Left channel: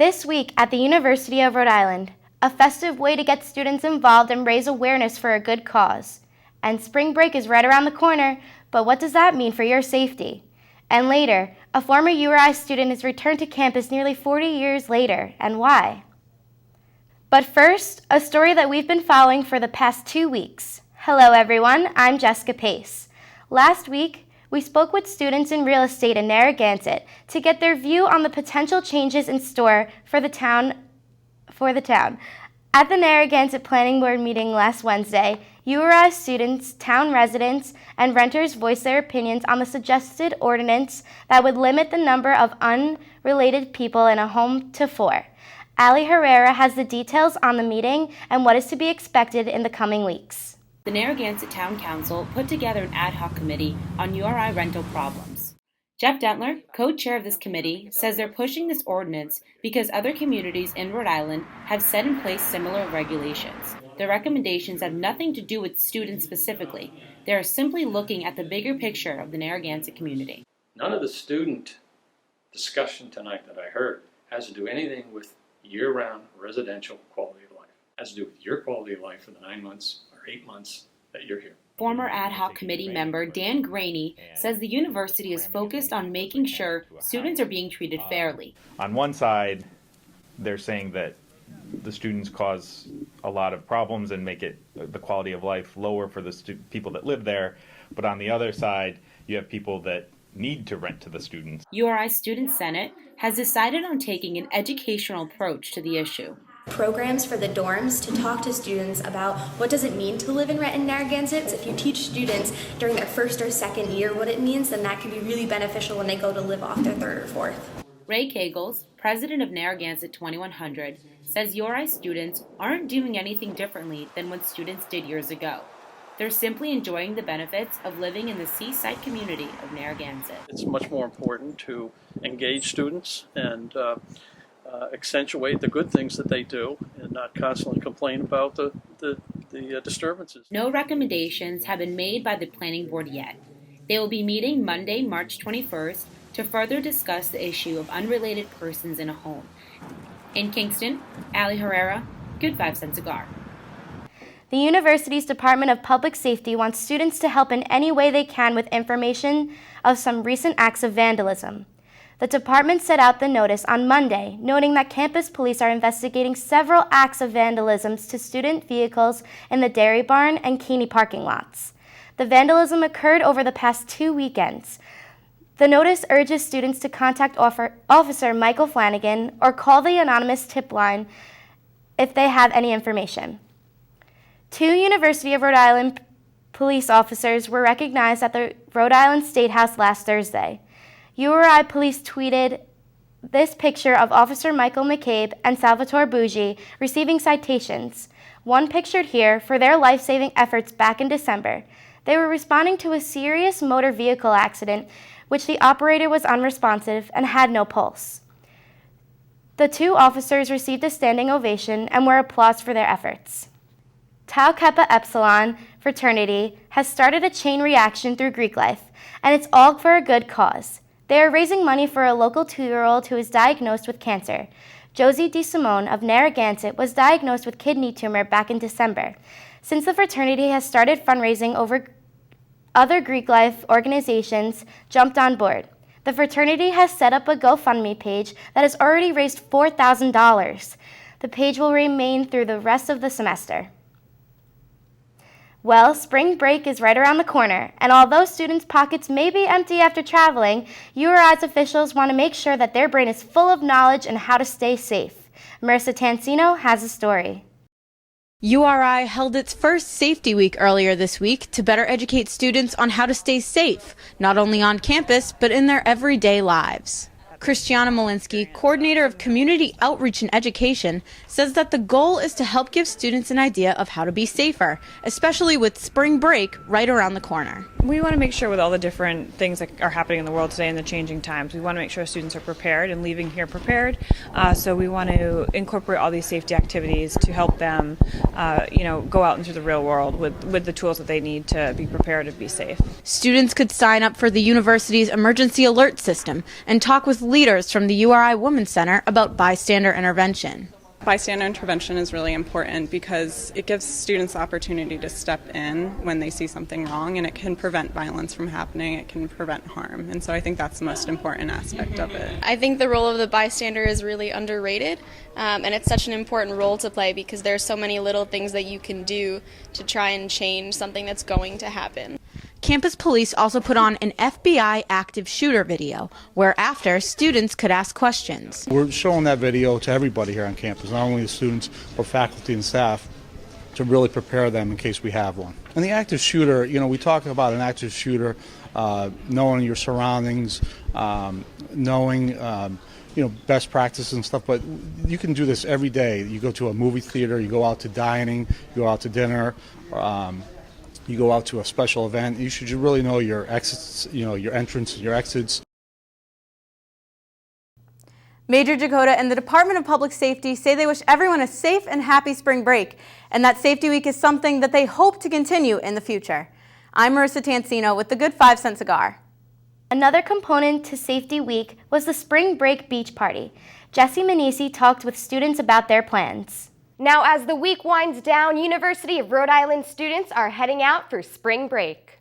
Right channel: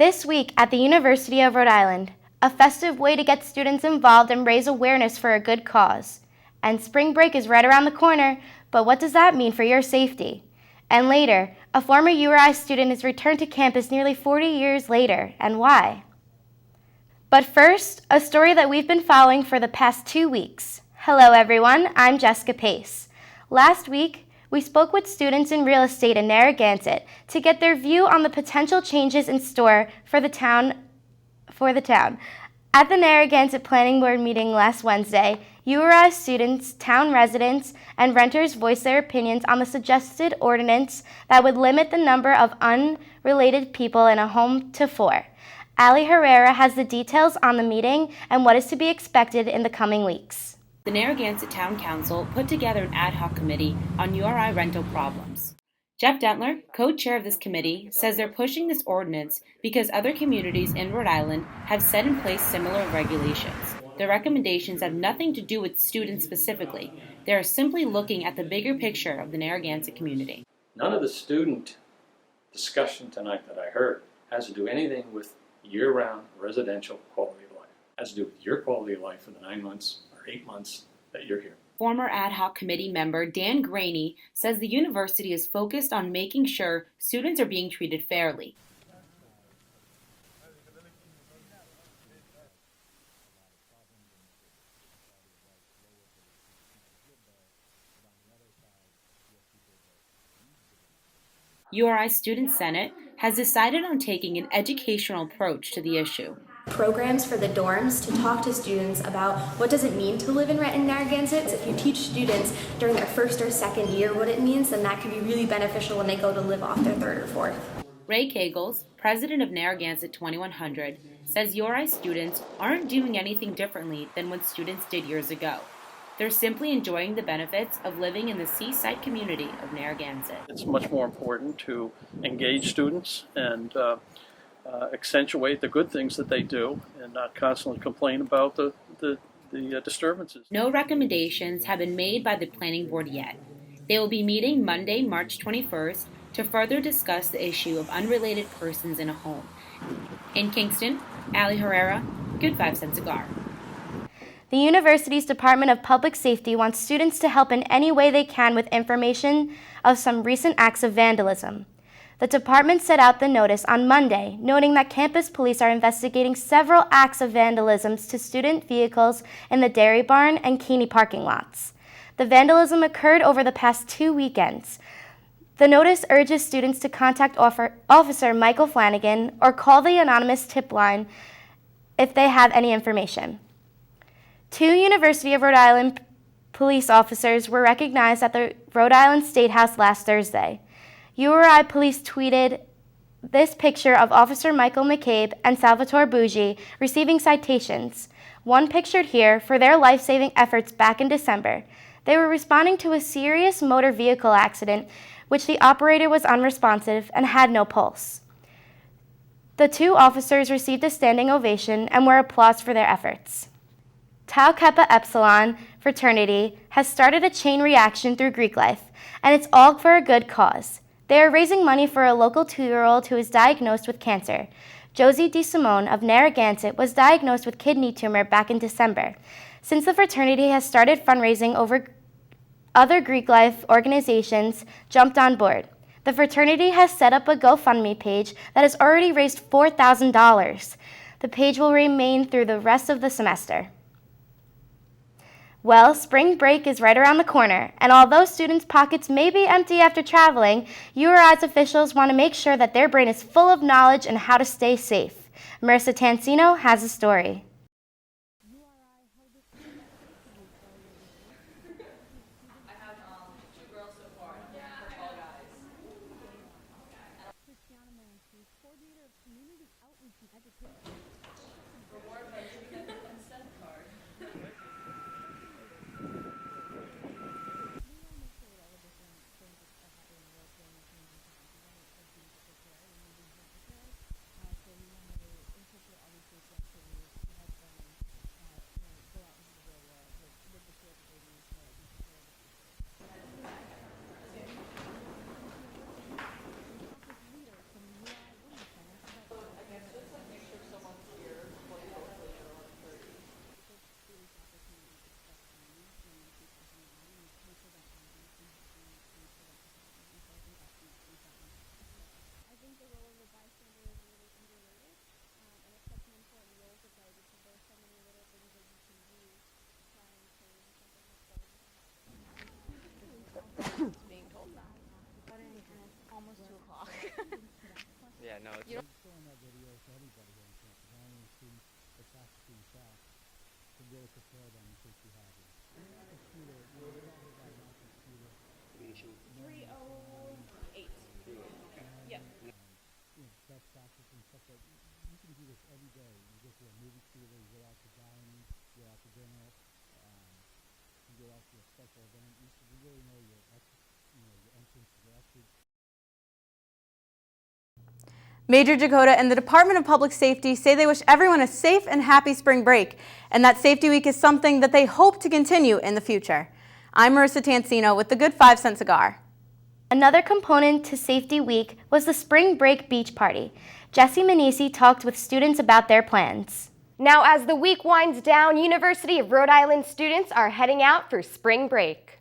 This week at the University of Rhode Island, a festive way to get students involved and raise awareness for a good cause. And spring break is right around the corner, but what does that mean for your safety? And later, a former URI student is returned to campus nearly 40 years later, and why? But first, a story that we've been following for the past 2 weeks. Hello everyone, I'm Jessica Pace. Last week, we spoke with students in real estate in Narragansett to get their view on the potential changes in store for the town. At the Narragansett Planning Board meeting last Wednesday, URI students, town residents, and renters voiced their opinions on the suggested ordinance that would limit the number of unrelated people in a home to 4. Ali Herrera has the details on the meeting and what is to be expected in the coming weeks. The Narragansett Town Council put together an ad hoc committee on URI rental problems. Jeff Dentler, co-chair of this committee, says they're pushing this ordinance because other communities in Rhode Island have set in place similar regulations. Their recommendations have nothing to do with students specifically. They are simply looking at the bigger picture of the Narragansett community. None of the student discussion tonight that I heard has to do anything with year-round residential quality of life. It has to do with your quality of life for the 9 months or 8 months that you're here. Former ad hoc committee member Dan Graney says the university is focused on making sure students are being treated fairly. On one side, they're saying that the students cause a lot of problems and make the quality of life lower for the people that live there. But on the other side, you have people that need to rent to the students. URI Student Senate has decided on taking an educational approach to the issue. Programs for the dorms to talk to students about what does it mean to live and rent in Narragansett. If you teach students during their first or second year what it means, then that can be really beneficial when they go to live off their third or fourth. Ray Kagels, president of Narragansett 2100, says URI students aren't doing anything differently than what students did years ago. They're simply enjoying the benefits of living in the seaside community of Narragansett. It's much more important to engage students and accentuate the good things that they do and not constantly complain about the disturbances. No recommendations have been made by the planning board yet. They will be meeting Monday, March 21st to further discuss the issue of unrelated persons in a home. In Kingston, Ali Herrera, Good 5 Cent Cigar. The university's Department of Public Safety wants students to help in any way they can with information of some recent acts of vandalism. The department set out the notice on Monday, noting that campus police are investigating several acts of vandalism to student vehicles in the Dairy Barn and Keeney parking lots. The vandalism occurred over the past 2 weekends. The notice urges students to contact Officer Michael Flanagan or call the anonymous tip line if they have any information. 2 University of Rhode Island police officers were recognized at the Rhode Island State House last Thursday. URI police tweeted this picture of Officer Michael McCabe and Salvatore Bougie receiving citations, one pictured here for their life-saving efforts back in December. They were responding to a serious motor vehicle accident, which the operator was unresponsive and had no pulse. The 2 officers received a standing ovation and were applauded for their efforts. Tau Kappa Epsilon fraternity has started a chain reaction through Greek life, and it's all for a good cause. They are raising money for a local 2-year-old who is diagnosed with cancer. Josie DeSimone of Narragansett was diagnosed with kidney tumor back in December. Since the fraternity has started fundraising, other Greek life organizations jumped on board. The fraternity has set up a GoFundMe page that has already raised $4,000. The page will remain through the rest of the semester. Well, spring break is right around the corner, and although students' pockets may be empty after traveling, URI's officials want to make sure that their brain is full of knowledge and how to stay safe. Marissa Tansino has a story. URI held its first Safety Week earlier this week to better educate students on how to stay safe, not only on campus, but in their everyday lives. Christiana Malinsky, coordinator of community outreach and education, says that the goal is to help give students an idea of how to be safer, especially with spring break right around the corner. We want to make sure with all the different things that are happening in the world today and the changing times, we want to make sure students are prepared and leaving here prepared. So we want to incorporate all these safety activities to help them, go out into the real world with the tools that they need to be prepared and be safe. Students could sign up for the university's emergency alert system and talk with leaders from the URI Women's Center about bystander intervention. Bystander intervention is really important because it gives students the opportunity to step in when they see something wrong, and it can prevent violence from happening, it can prevent harm, and so I think that's the most important aspect of it. I think the role of the bystander is really underrated, and it's such an important role to play because there's so many little things that you can do to try and change something that's going to happen. Campus police also put on an FBI active shooter video, where after students could ask questions. We're showing that video to everybody here on campus, not only the students, but faculty and staff, to really prepare them in case we have one. And the active shooter, we talk about an active shooter, knowing your surroundings, knowing best practices and stuff, but you can do this every day. You go to a movie theater, you go out to dining, you go out to dinner, you go out to a special event. You should really know your exits, your entrance, your exits. Major Dakota and the Department of Public Safety say they wish everyone a safe and happy spring break, and that Safety Week is something that they hope to continue in the future. I'm Marissa Tansino with the Good 5-Cent Cigar. Another component to Safety Week was the Spring Break Beach Party. Jessie Manisi talked with students about their plans. Now, as the week winds down, University of Rhode Island students are heading out for spring break.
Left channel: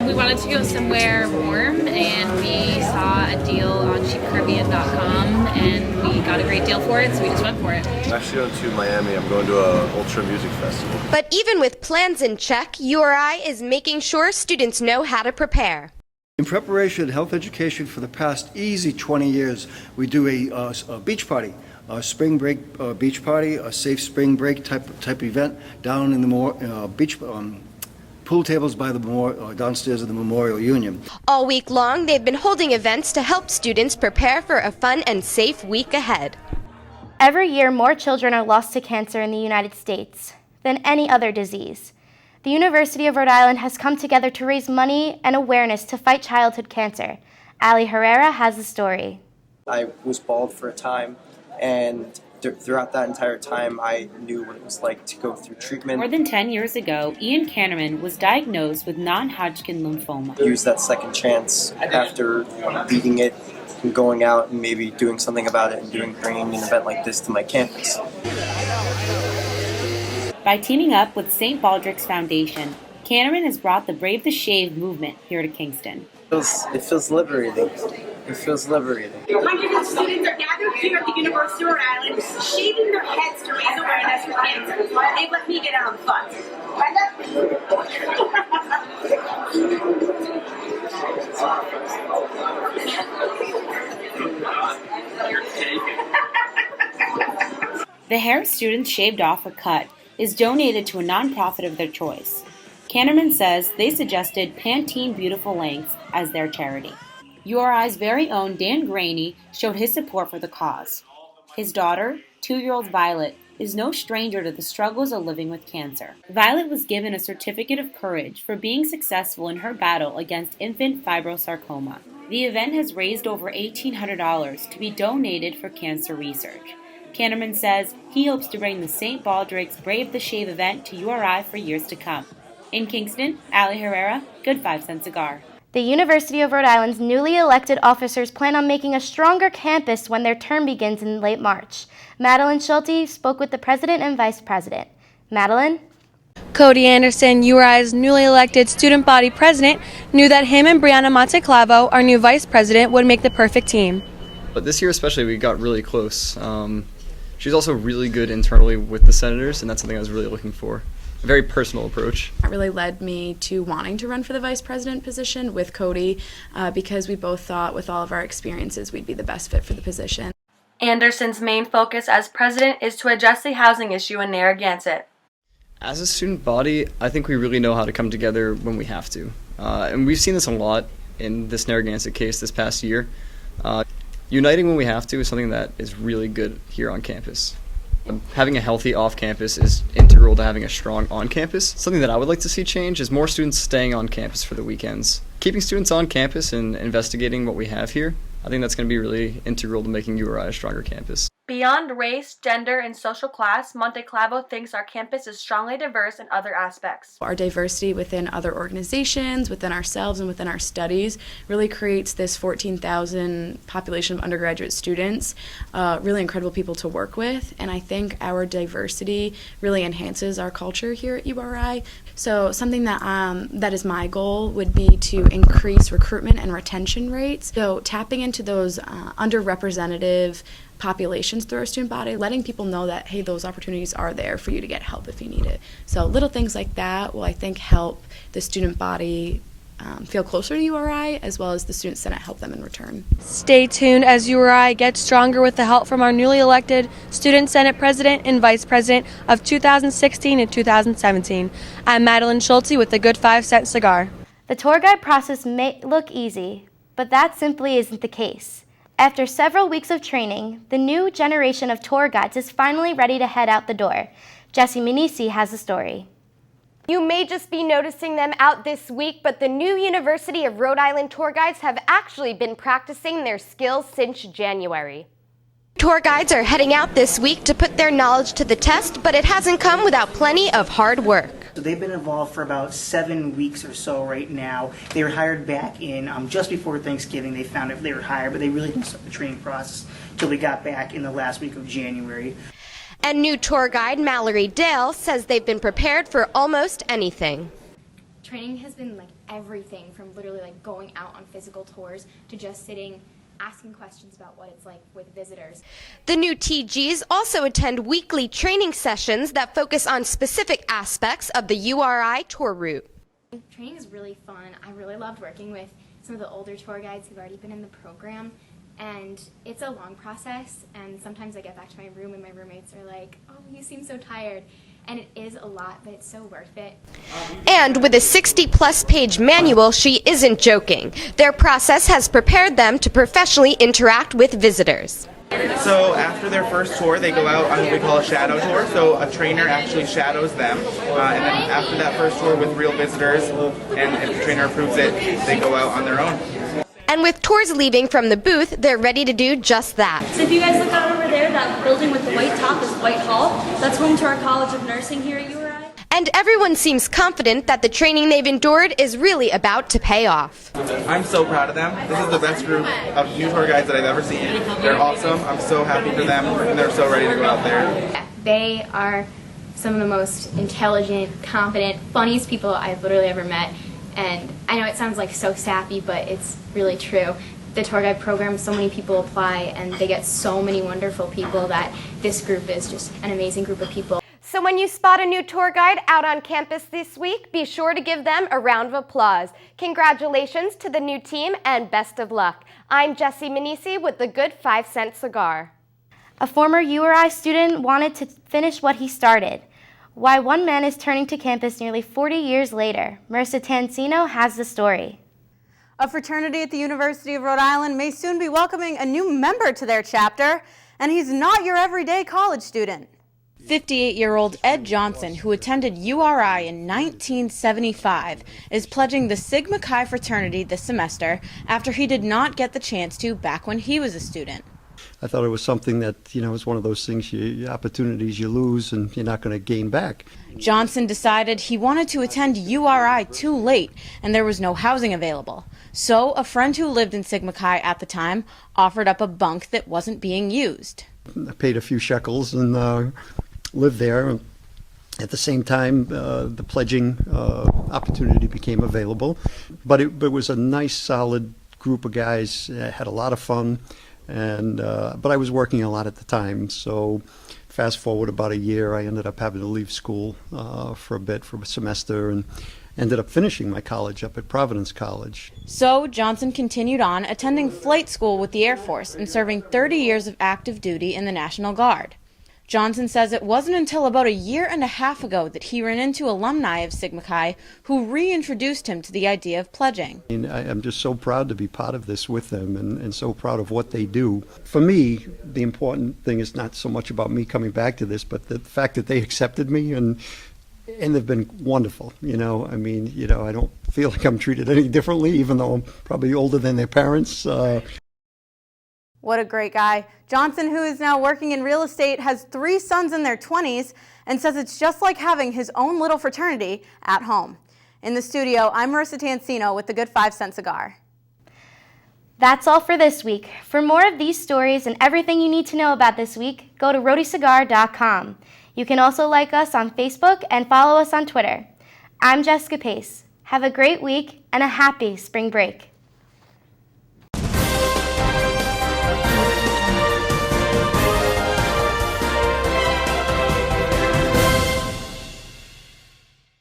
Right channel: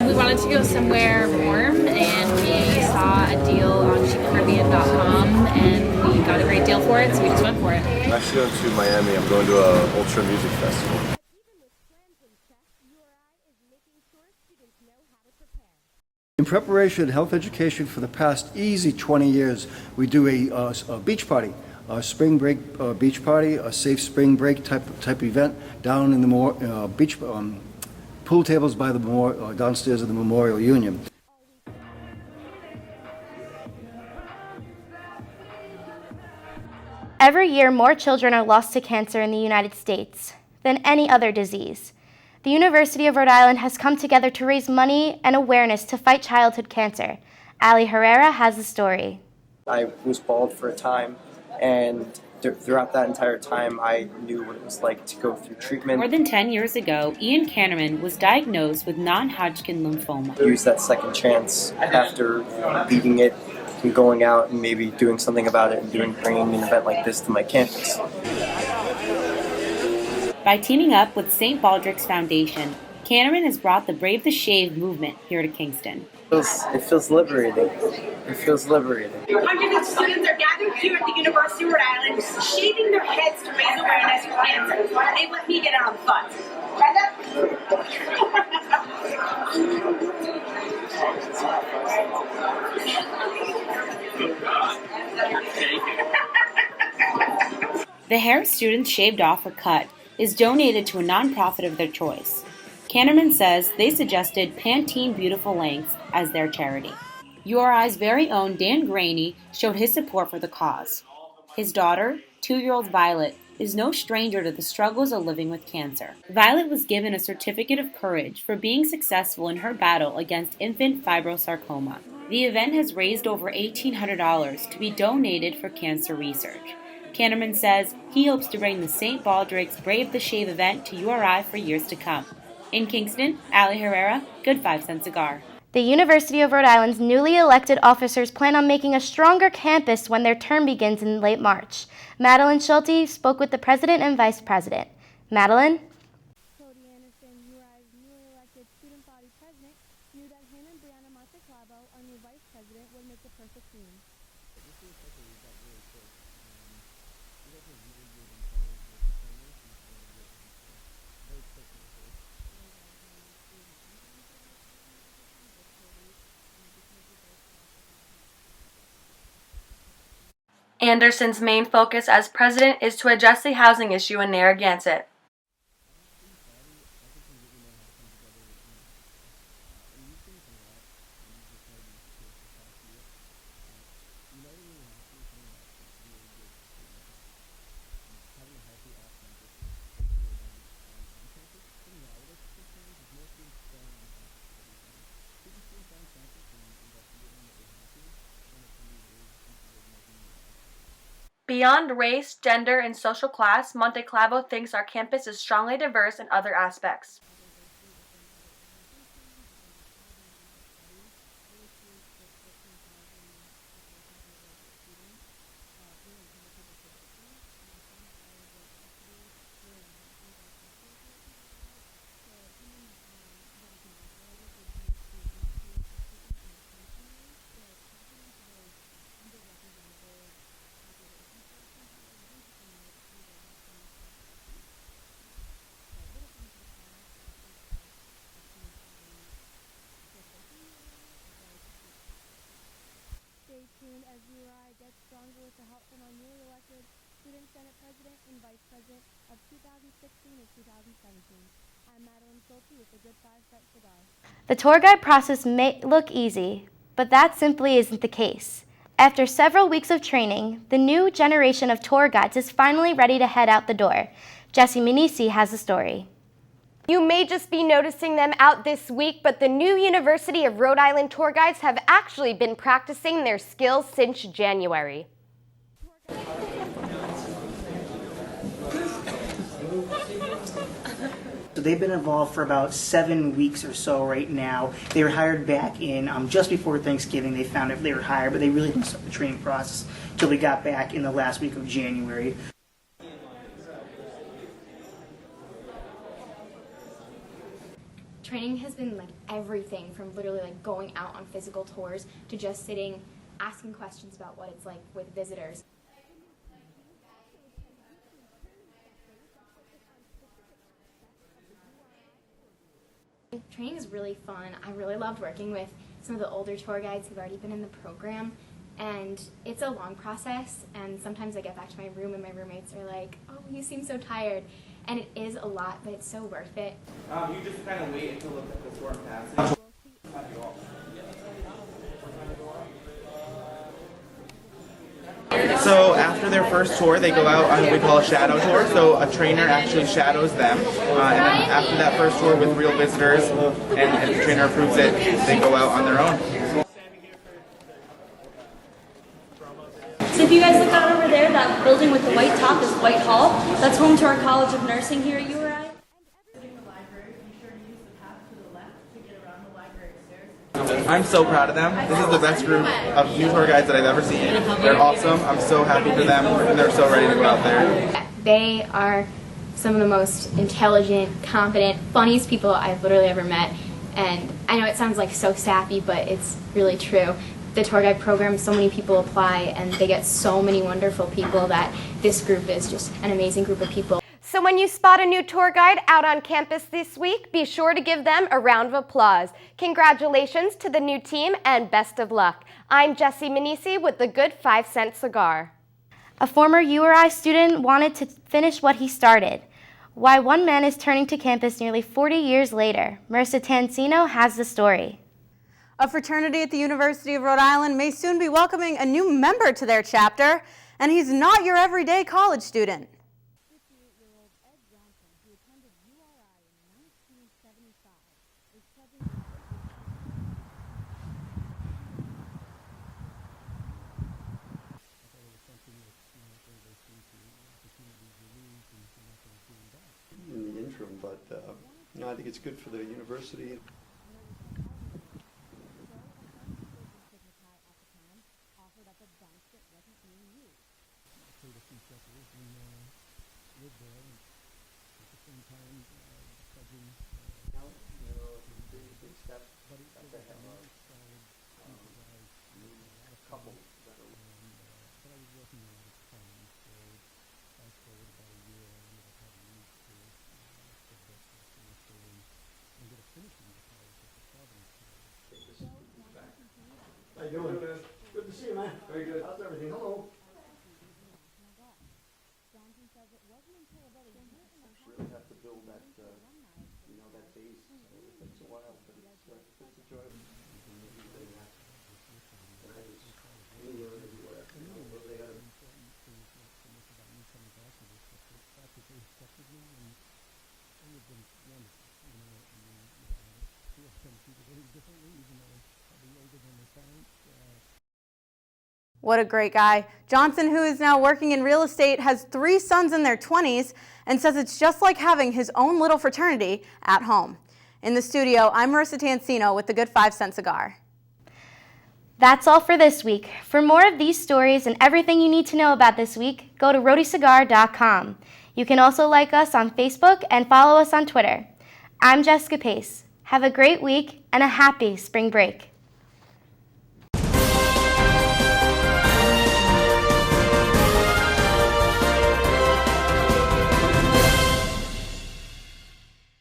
We wanted to go somewhere warm, and we saw a deal on cheapcaribbean.com, and we got a great deal for it, so we just went for it. I'm actually going to Miami. I'm going to a Ultra Music Festival. But even with plans in check, URI is making sure students know how to prepare. In preparation, health education for the past easy 20 years, we do a beach party. A spring break beach party, a safe spring break type event down in the beach pool tables by the downstairs of the Memorial Union. All week long, they've been holding events to help students prepare for a fun and safe week ahead. Every year, more children are lost to cancer in the United States than any other disease. The University of Rhode Island has come together to raise money and awareness to fight childhood cancer. Ali Herrera has the story. I was bald for a time, and throughout that entire time, I knew what it was like to go through treatment. More than 10 years ago, Ian Kannerman was diagnosed with non-Hodgkin lymphoma. Use that second chance after beating it and going out and maybe doing something about it and bringing an event like this to my campus. By teaming up with St. Baldrick's Foundation, Kannerman has brought the Brave the Shave movement here to Kingston. It feels liberating. It feels liberating. Hundreds of students are gathered here at the University of Rhode Island, shaving their heads to raise awareness for cancer. They've let me get out of the fun. The hair students shaved off or cut is donated to a nonprofit of their choice. Kannerman says they suggested Pantene Beautiful Lengths as their charity. URI's very own Dan Graney showed his support for the cause. His daughter, 2-year-old Violet, is no stranger to the struggles of living with cancer. Violet was given a certificate of courage for being successful in her battle against infant fibrosarcoma. The event has raised over $1,800 to be donated for cancer research. Kannerman says he hopes to bring the St. Baldrick's Brave the Shave event to URI for years to come. In Kingston, Ali Herrera, Good 5-Cent Cigar. The University of Rhode Island's newly elected officers plan on making a stronger campus when their term begins in late March. Madeline Schulte spoke with the president and vice president. Madeline? Cody Anderson, URI's newly elected student body president, knew that him and Brianna Monteclavo, our new vice president, would make the perfect team. But this year especially, we got really close. She's also really good internally with the senators, and that's something I was really looking for. A very personal approach. That really led me to wanting to run for the vice president position with Cody because we both thought with all of our experiences we'd be the best fit for the position. Anderson's main focus as president is to address the housing issue in Narragansett. As a student body, I think we really know how to come together when we have to. And we've seen this a lot in this Narragansett case this past year. Uniting when we have to is something that is really good here on campus. Having a healthy off-campus is integral to having a strong on-campus. Something that I would like to see change is more students staying on campus for the weekends. Keeping students on campus and investigating what we have here, I think that's going to be really integral to making URI a stronger campus. Beyond race, gender, and social class, Monte Clavo thinks our campus is strongly diverse in other aspects. Our diversity within other organizations, within ourselves, and within our studies really creates this 14,000 population of undergraduate students, really incredible people to work with, and I think our diversity really enhances our culture here at URI. So something that is my goal would be to increase recruitment and retention rates. So tapping into those underrepresented populations through our student body, letting people know that, hey, those opportunities are there for you to get help if you need it. So little things like that will, I think, help the student body feel closer to URI, as well as the Student Senate help them in return. Stay tuned as URI gets stronger with the help from our newly elected Student Senate President and Vice President of 2016 and 2017. I'm Madeline Schulte with the Good 5-Cent Cigar. The tour guide process may look easy, but that simply isn't the case. After several weeks of training, the new generation of tour guides is finally ready to head out the door. Jessie Minisi has the story. You may just be noticing them out this week, but the new University of Rhode Island tour guides have actually been practicing their skills since January. Tour guides are heading out this week to put their knowledge to the test, but it hasn't come without plenty of hard work. So they've been involved for about 7 weeks or so right now. They were hired back in just before Thanksgiving. They found out they were hired, but they really didn't start the training process until we got back in the last week of January. And new tour guide Mallory Dale says they've been prepared for almost anything. Training has been like everything from literally like going out on physical tours to just sitting asking questions about what it's like with visitors. The new TGs also attend weekly training sessions that focus on specific aspects of the URI tour route. Training is really fun. I really loved working with some of the older tour guides who've already been in the program, and it's a long process, and sometimes I get back to my room and my roommates are like, oh, you seem so tired. And it is a lot, but it's so worth it. And with a 60-plus page manual, she isn't joking. Their process has prepared them to professionally interact with visitors. So after their first tour, they go out on what we call a shadow tour. So a trainer actually shadows them. And then after that first tour with real visitors, and if the trainer approves it, they go out on their own. And with tours leaving from the booth, they're ready to do just that. So if you guys look out over there, that building with the white top is Whitehall. That's home to our College of Nursing here at URI. And everyone seems confident that the training they've endured is really about to pay off. I'm so proud of them. This is the best group of new tour guides that I've ever seen. They're awesome. I'm so happy for them, and they're so ready to go out there. They are some of the most intelligent, confident, funniest people I've literally ever met. And I know it sounds like so sappy, but it's really true. The tour guide program, so many people apply, and they get so many wonderful people that this group is just an amazing group of people. So when you spot a new tour guide out on campus this week, be sure to give them a round of applause. Congratulations to the new team and best of luck. I'm Jessie Minisi with the Good 5-Cent Cigar. A former URI student wanted to finish what he started. Why one man is turning to campus nearly 40 years later. Marissa Tansino has the story. A fraternity at the University of Rhode Island may soon be welcoming a new member to their chapter, and he's not your everyday college student. 58-year-old Ed Johnson, who attended URI in 1975, is pledging the Sigma Chi fraternity this semester after he did not get the chance to back when he was a student. I thought it was something that, is one of those things, opportunities you lose and you're not going to gain back. Johnson decided he wanted to attend URI too late and there was no housing available. So a friend who lived in Sigma Chi at the time offered up a bunk that wasn't being used. I paid a few shekels and lived there. At the same time, the pledging opportunity became available. But it was a nice, solid group of guys, had a lot of fun. But I was working a lot at the time, so fast forward about a year, I ended up having to leave school for a semester, and ended up finishing my college up at Providence College. So Johnson continued on, attending flight school with the Air Force and serving 30 years of active duty in the National Guard. Johnson says it wasn't until about a year and a half ago that he ran into alumni of Sigma Chi who reintroduced him to the idea of pledging. I'm just so proud to be part of this with them and so proud of what they do. For me, the important thing is not so much about me coming back to this, but the fact that they accepted me and they've been wonderful. I don't feel like I'm treated any differently, even though I'm probably older than their parents. What a great guy. Johnson, who is now working in real estate, has 3 sons in their 20s and says it's just like having his own little fraternity at home. In the studio, I'm Marissa Tancino with the Good 5 Cent Cigar. That's all for this week. For more of these stories and everything you need to know about this week, go to rhodicigar.com. You can also like us on Facebook and follow us on Twitter. I'm Jessica Pace. Have a great week and a happy spring break.